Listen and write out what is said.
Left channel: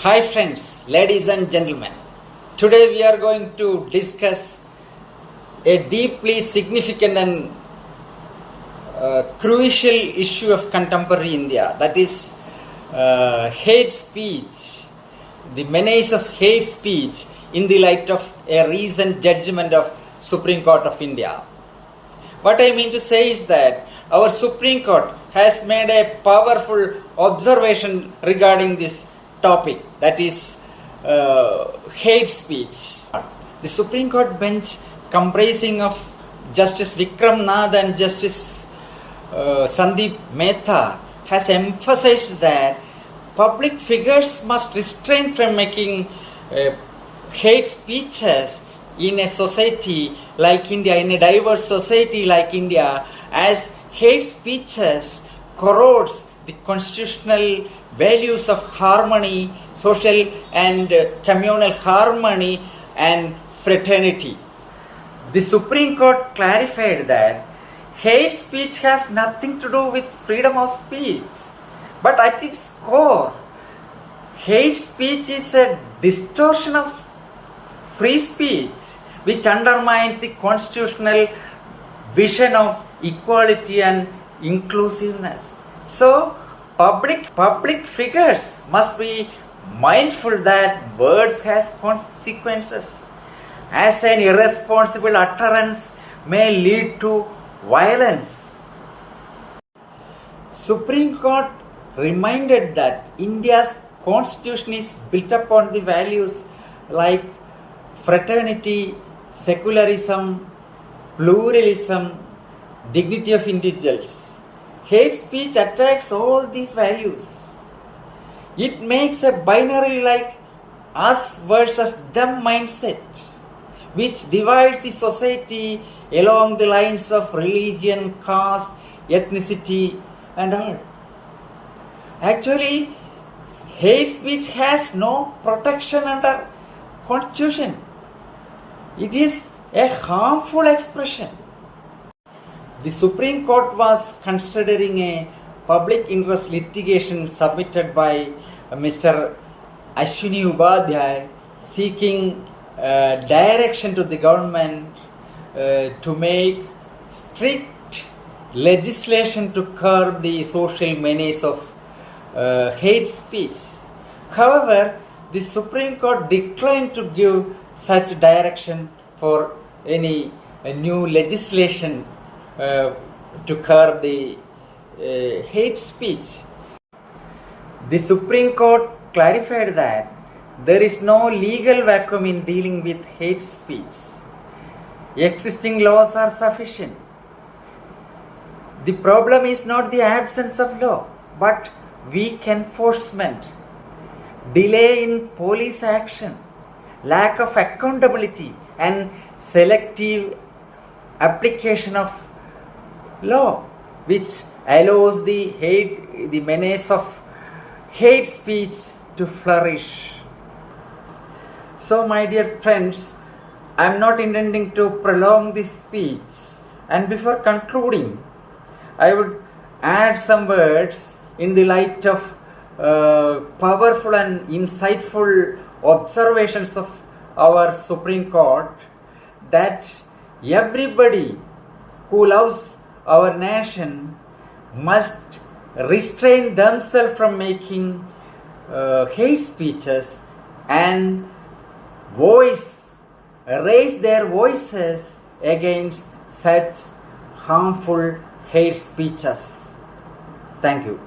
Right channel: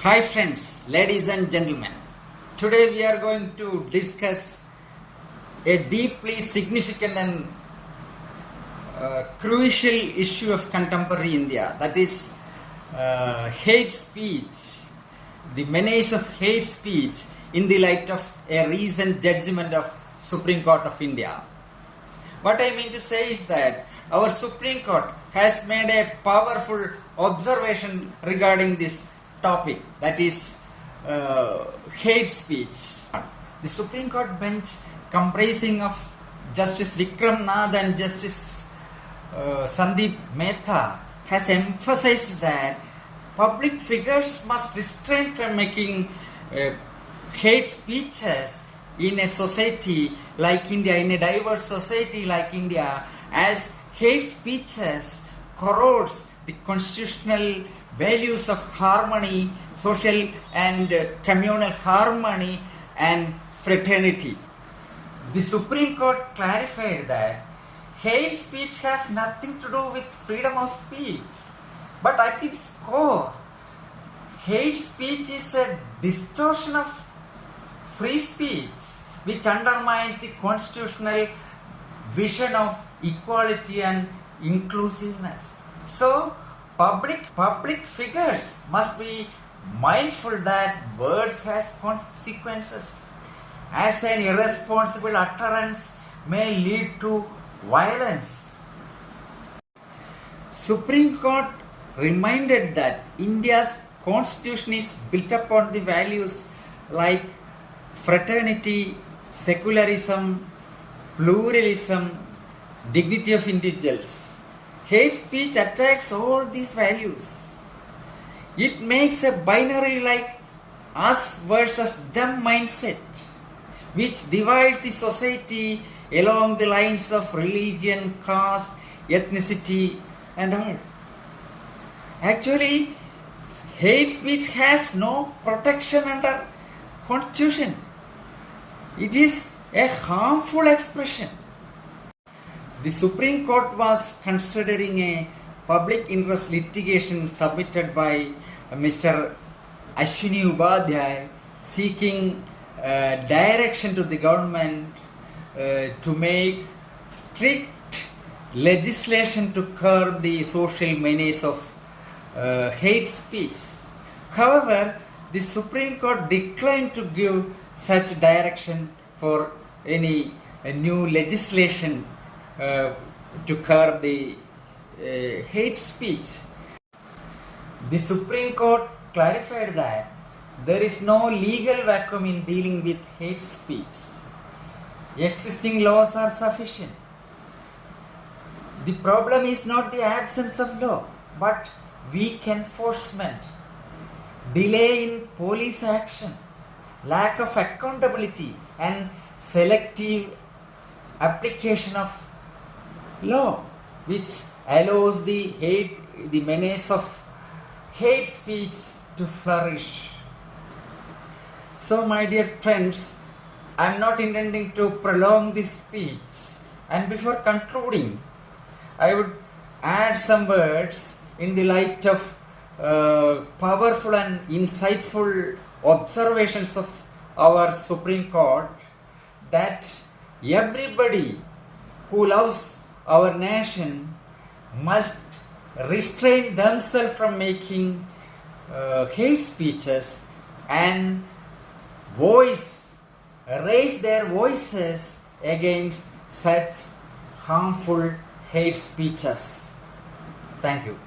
Hi friends, ladies and gentlemen. Today we are going to discuss a deeply significant and crucial issue of contemporary India, that is hate speech, the menace of hate speech in the light of a recent judgment of Supreme Court of India. What I mean to say is that our Supreme Court has made a powerful observation regarding this topic, that is hate speech. The Supreme Court bench, comprising of Justice Vikram Nath and Justice Sandeep Mehta, has emphasized that public figures must restrain from making hate speeches in a society like India, in a diverse society like India, as hate speeches corrodes the constitutional values of harmony, social and communal harmony and fraternity. The Supreme Court clarified that hate speech has nothing to do with freedom of speech, but at its core, hate speech is a distortion of free speech which undermines the constitutional vision of equality and inclusiveness. So, public figures must be mindful that words has consequences, as an irresponsible utterance may lead to violence. Supreme Court reminded that India's constitution is built upon the values like fraternity, secularism, pluralism, dignity of individuals. Hate speech attacks all these values. It makes a binary like us versus them mindset, which divides the society along the lines of religion, caste, ethnicity, and all. Actually, hate speech has no protection under Constitution. It is a harmful expression. The Supreme Court was considering a public interest litigation submitted by Mr. Ashwini Upadhyay seeking direction to the government to make strict legislation to curb the social menace of hate speech. However, the Supreme Court declined to give such direction for any new legislation to curb the hate speech. The Supreme Court clarified that there is no legal vacuum in dealing with hate speech. Existing laws are sufficient. The problem is not the absence of law, but weak enforcement, delay in police action, lack of accountability, and selective application of law, which allows the menace of hate speech to flourish. So, my dear friends, I am not intending to prolong this speech, and before concluding, I would add some words in the light of powerful and insightful observations of our Supreme Court, that everybody who loves our nation must restrain themselves from making hate speeches and raise their voices against such harmful hate speeches. Thank you.